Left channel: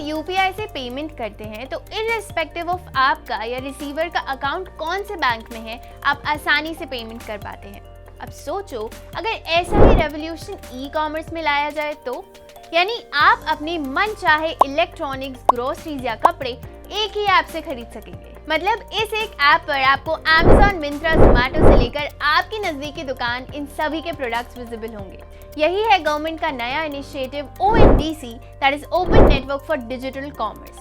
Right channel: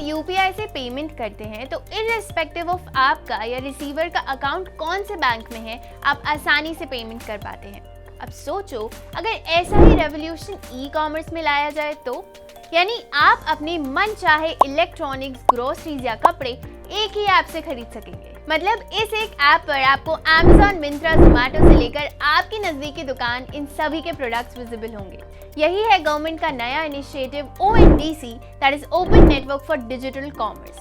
UPI से payment करते हैं तो इररिस्पेक्टिव ऑफ आपका या रिसीवर का अकाउंट कौन से बैंक में है, आप आसानी से पेमेंट कर पाते हैं। अब सोचो अगर ऐसा ही रेवोल्यूशन ई कॉमर्स में लाया जाए तो, यानी आप अपने मन चाहे इलेक्ट्रॉनिक्स, ग्रोसरीज या कपड़े एक ही ऐप से खरीद सकेंगे। मतलब इस एक ऐप पर आपको Amazon, Myntra, Zomato से लेकर आपकी नजदीकी दुकान, इन सभी के प्रोडक्ट्स विजिबल होंगे। यही है गवर्नमेंट का नया initiative ONDC, that is open network for digital commerce.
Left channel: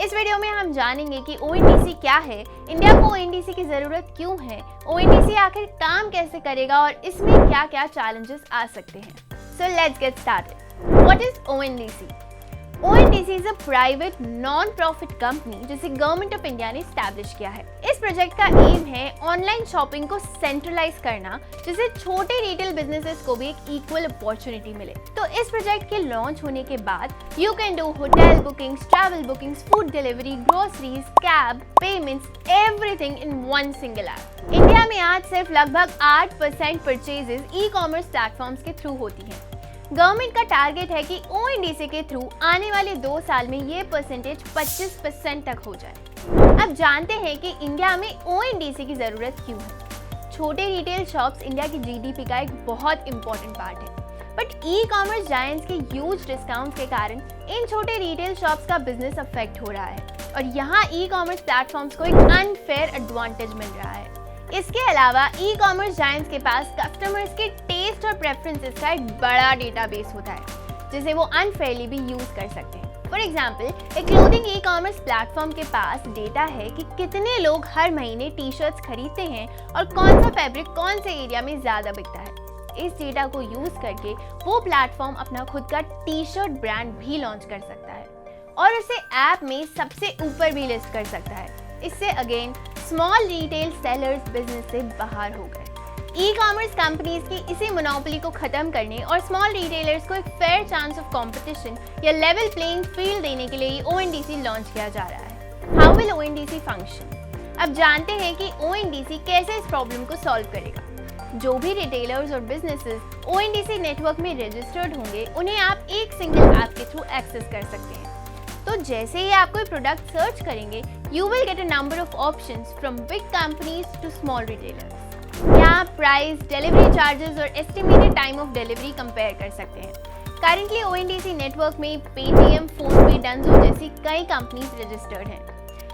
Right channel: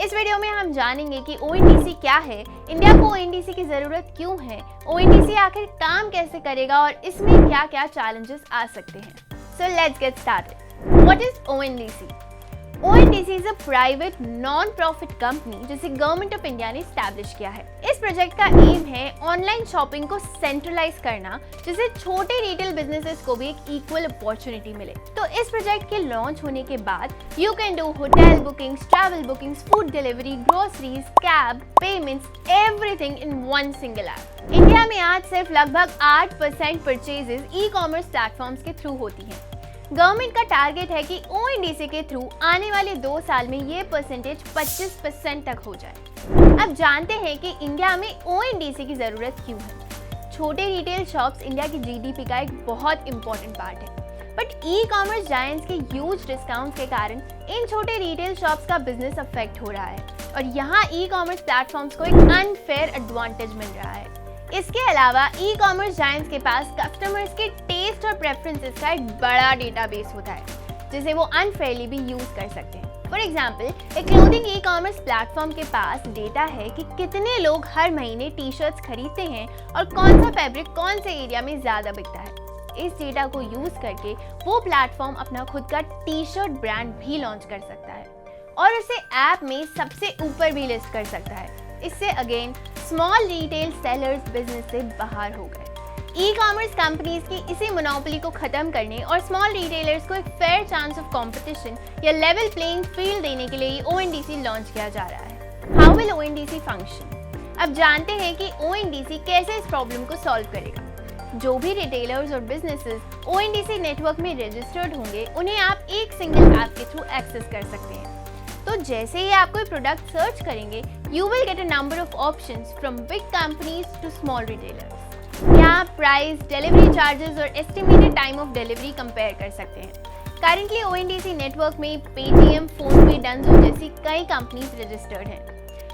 इस वीडियो में हम जानेंगे कि ONDC क्या है, इंडिया को ONDC की जरूरत क्यों है, ONDC आखिर काम कैसे करेगा और इसमें क्या क्या चैलेंजेस आ सकते हैं। So let's get started. What is ONDC? ONDC is a private non profit company जिसे गवर्नमेंट ऑफ इंडिया ने स्टैब्लिश किया है। इस प्रोजेक्ट का एम है ऑनलाइन शॉपिंग को सेंट्रलाइज करना, जिससे छोटे रिटेल बिजनेसेस को भी एक इक्वल अपॉर्चुनिटी मिले। तो इस प्रोजेक्ट के लॉन्च होने के बाद you can do hotel bookings, travel bookings, food delivery, groceries, cab, payments, everything in one single app. India में आज सिर्फ लगभग 8% परचेजेस ई कॉमर्स प्लेटफॉर्म्स के थ्रू होती हैं। गवर्नमेंट का टारगेट है कि ONDC के थ्रू आने वाले 2 साल में ये परसेंटेज 25% तक हो जाए। अब जानते हैं कि इंडिया में ONDC की जरूरत क्यों है। छोटे रिटेल शॉप्स इंडिया की GDP का एक बहुत इंपॉर्टेंट पार्ट है, बट ई कॉमर्स जायंट्स के ह्यूज डिस्काउंट के कारण इन छोटे रिटेल शॉप्स का बिजनेस अफेक्ट हो रहा है और यहाँ ई कॉमर्स प्लेटफॉर्म्स को एक अनफेयर एडवांटेज मिल रहा है। इसके अलावा ई कॉमर्स जायंट्स के पास कस्टमर्स के टेस्ट और प्रेफरेंसेस का एक बड़ा डेटाबेस होता है जिसे वो अनफेयरली भी यूज कर सकते हैं। फॉर एग्जाम्पल, एक क्लोथिंग ई कॉमर्स प्लेटफॉर्म के पास डेटा है कि कितने लोग हर महीने टी शर्ट्स खरीदते हैं और कौन सा फैब्रिक कौन से एरिया में ज्यादा बिकता है। इस डेटा को यूज करके वो प्लेटफॉर्म अपना खुद का टी शर्ट ब्रांड भी लॉन्च कर सकता है और उसे ऐप में सबसे ऊपर भी लिस्ट कर सकता है। इससे again small retail sellers business से बाहर हो गए। ई कॉमर्स कंपनीज की इसी मोनोपोली को खत्म करने और स्मॉल रिटेलर्स को एक फेयर चांस ऑफ कंपटीशन या लेवल प्लेइंग फील्ड देने के लिए ONDC लॉन्च किया जा रहा है। How will ONDC function? अब जानते हैं कि ONDC कैसे इस प्रॉब्लम को सॉल्व करेगा। जो भी रिटेलर्स और बिजनेसेस ONDC नेटवर्क में रजिस्टर्ड होंगे उन्हें आप एक सिंगल ऐप के थ्रू एक्सेस कर सकते हैं। तो जैसे ही आप कोई प्रोडक्ट सर्च करेंगे, you will get a number of options from big companies to small retailers. यहाँ प्राइस, डिलीवरी चार्जेस और estimated time of delivery compare कर सकते हैं। करंटली ONDC नेटवर्क में पेटीएम, फोनपे, डंजो जैसी कई कंपनीज रजिस्टर्ड हैं।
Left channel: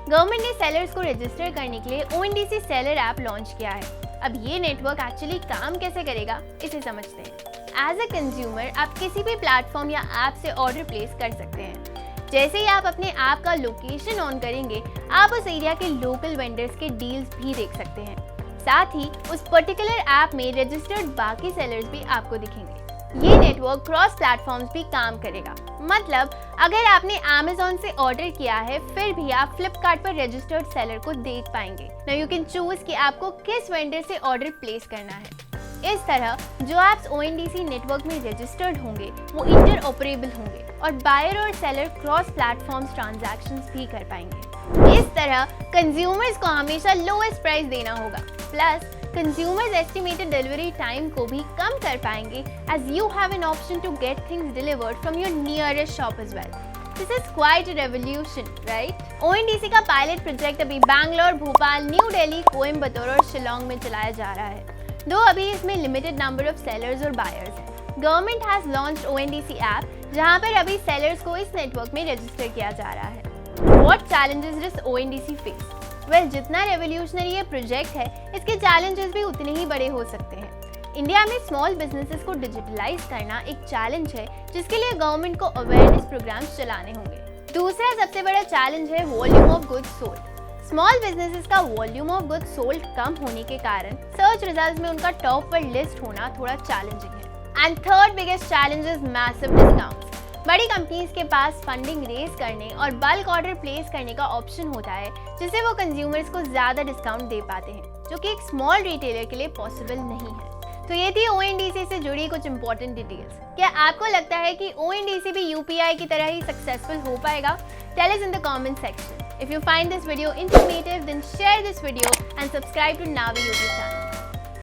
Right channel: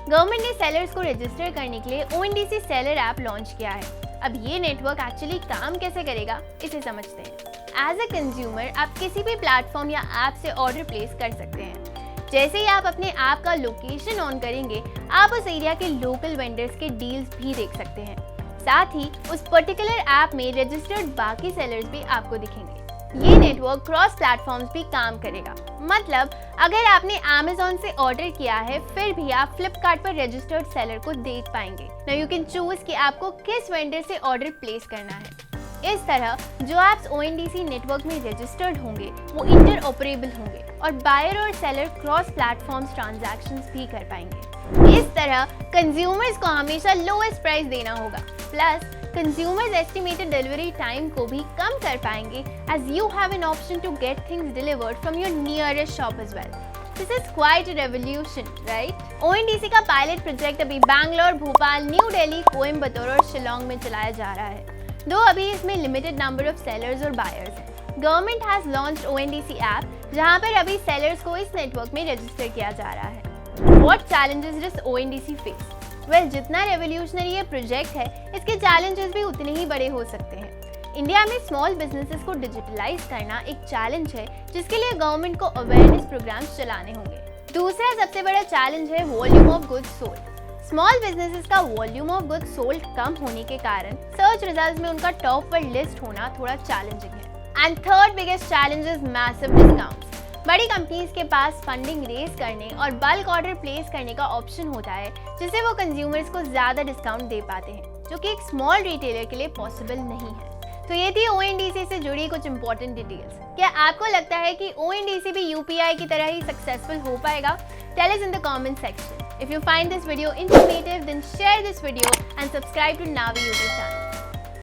गवर्नमेंट ने सेलर्स को रजिस्टर करने के लिए ONDC सेलर ऐप लॉन्च किया है। अब ये नेटवर्क एक्चुअली काम कैसे करेगा, इसे समझते हैं। एज अ कंज्यूमर आप किसी भी प्लेटफॉर्म या ऐप से ऑर्डर प्लेस कर सकते हैं। जैसे ही आप अपने ऐप का लोकेशन ऑन करेंगे, आप उस एरिया के लोकल वेंडर्स के डील्स भी देख सकते हैं। साथ ही उस पर्टिकुलर ऐप में रजिस्टर्ड बाकी सेलर्स भी आपको दिखेंगे। ये नेटवर्क क्रॉस प्लेटफॉर्म्स भी काम करेगा। मतलब अगर आपने Amazon से ऑर्डर किया है, फिर भी आप Flipkart पर रजिस्टर्ड सेलर को देख पाएंगे। नाउ यू कैन चूज कि आपको किस वेंडर से ऑर्डर प्लेस करना है। इस तरह जो ऐप्स ONDC नेटवर्क में रजिस्टर्ड होंगे वो इंटरऑपरेबल होंगे और बायर और सेलर क्रॉस प्लेटफॉर्म्स ट्रांजैक्शंस भी कर पाएंगे। इस तरह कंज्यूमर्स को हमेशा लोएस्ट प्राइस देना होगा, plus consumers estimated delivery time को भी कम कर पाएंगे as you have an option to get things delivered from your nearest shop as well. This is quite a revolution, right? ONDC का पायलट प्रोजेक्ट अभी बैंगलोर, भोपाल, न्यू दिल्ली, कोयम्बटूर और शिलोंग में चलाया जा रहा है। दो अभी इसमें लिमिटेड नंबर ऑफ सेलर्स और बायर्स हैं। Government has launched ONDC app, जहां पर अभी सेलर्स को इस नेटवर्क में रजिस्टर किया जा रहा है। What challenges does ONDC face? Well, जितना रेवोल्यूशनरी ये प्रोजेक्ट है, इसके चैलेंजेस भी उतने ही बड़े हो सकते हैं। इंडिया में स्मॉल बिजनेसेस को डिजिटलाइज करना एक चैलेंज है, जिसके लिए गवर्नमेंट को अवेयरनेस प्रोग्राम्स चलाने होंगे। दूसरा सबसे बड़ा चैलेंज है volume of goods sold. Small businesses का वॉल्यूम ऑफ गुड्स सोल्ड कम होने के कारण सर्च रिजल्ट्स में उनका टॉप पर लिस्ट होना थोड़ा चैलेंजिंग है। And third biggest challenge is massive discounts. बड़ी कंपनीज के पास फंडिंग रेज करने और बल्क ऑर्डर प्लेस करने का ऑप्शन होता है, जिससे वो कंज्यूमर्स को ज्यादा डिस्काउंट दे पाते हैं, जो कि एक स्मॉल रिटेलर के लिए पॉसिबल नहीं है। तो ये थी ONDC से जुड़ी कुछ इंपॉर्टेंट डिटेल्स। क्या आपको लगता है कि ONDC भी UPI की तरह ही सक्सेसफुल हो पाएगा? Tell us in the comment section. If you find this video informative, then share this video and subscribe to Navi YouTube channel.